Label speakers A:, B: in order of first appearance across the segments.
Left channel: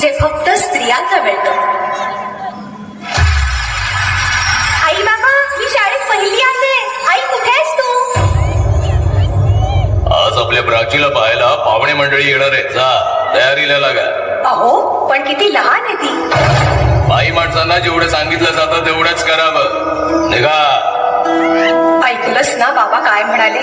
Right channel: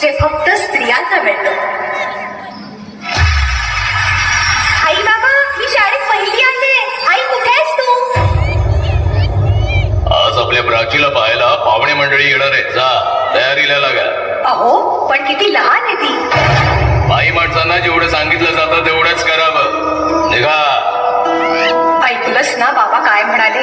A: जे फक्त स्त्रियांना मिळतं. आई बाबा मी शाळेत पहिली आले आई कुठे आहेस तू?
B: आज आपल्या प्राचीला पाहायला पाहुणे मंडळी येणार आहेत. जा तयारीला लागा.
A: अहो पण किती लहान आहे ती.
B: बाई माणसांना जेवढं सांगितलं जातं तेवढंच करावं. निघा.
A: ऐकलंस ना बाबा काय म्हणाले?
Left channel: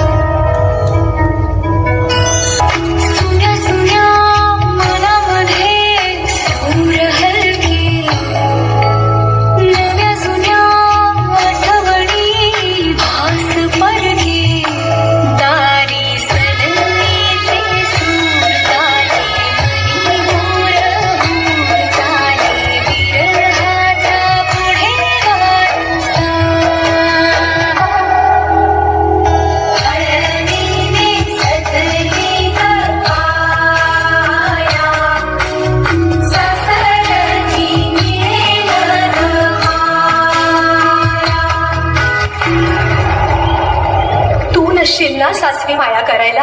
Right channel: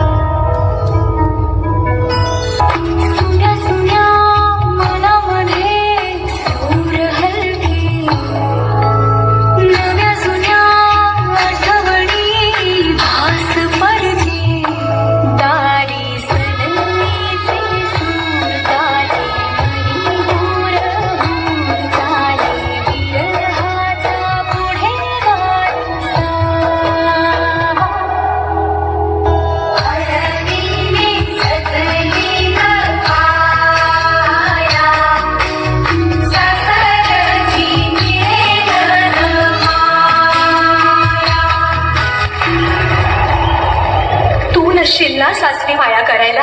A: येशील ना सासरी माया करायला?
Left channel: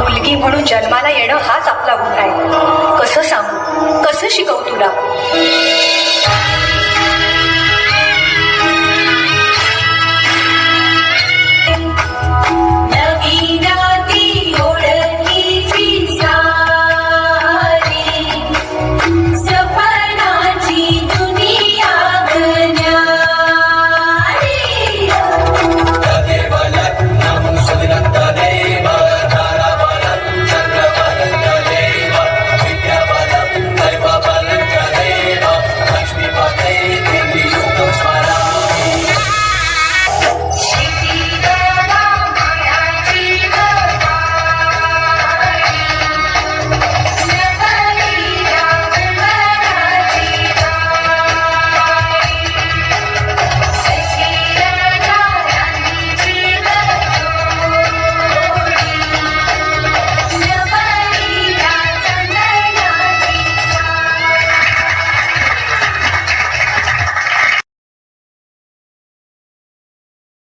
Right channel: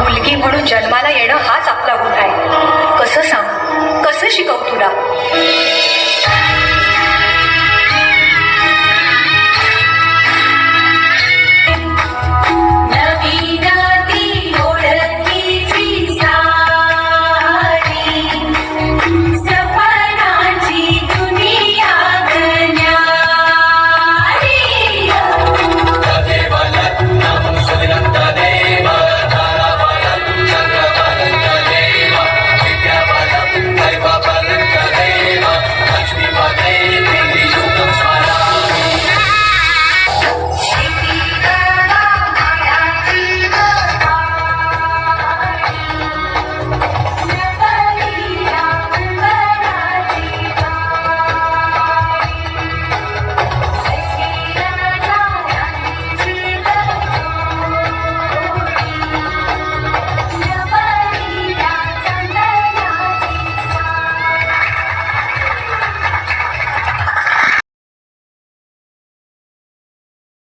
A: मुलगी म्हणून जन्माला येणं हाच आपला गुन्हा आहे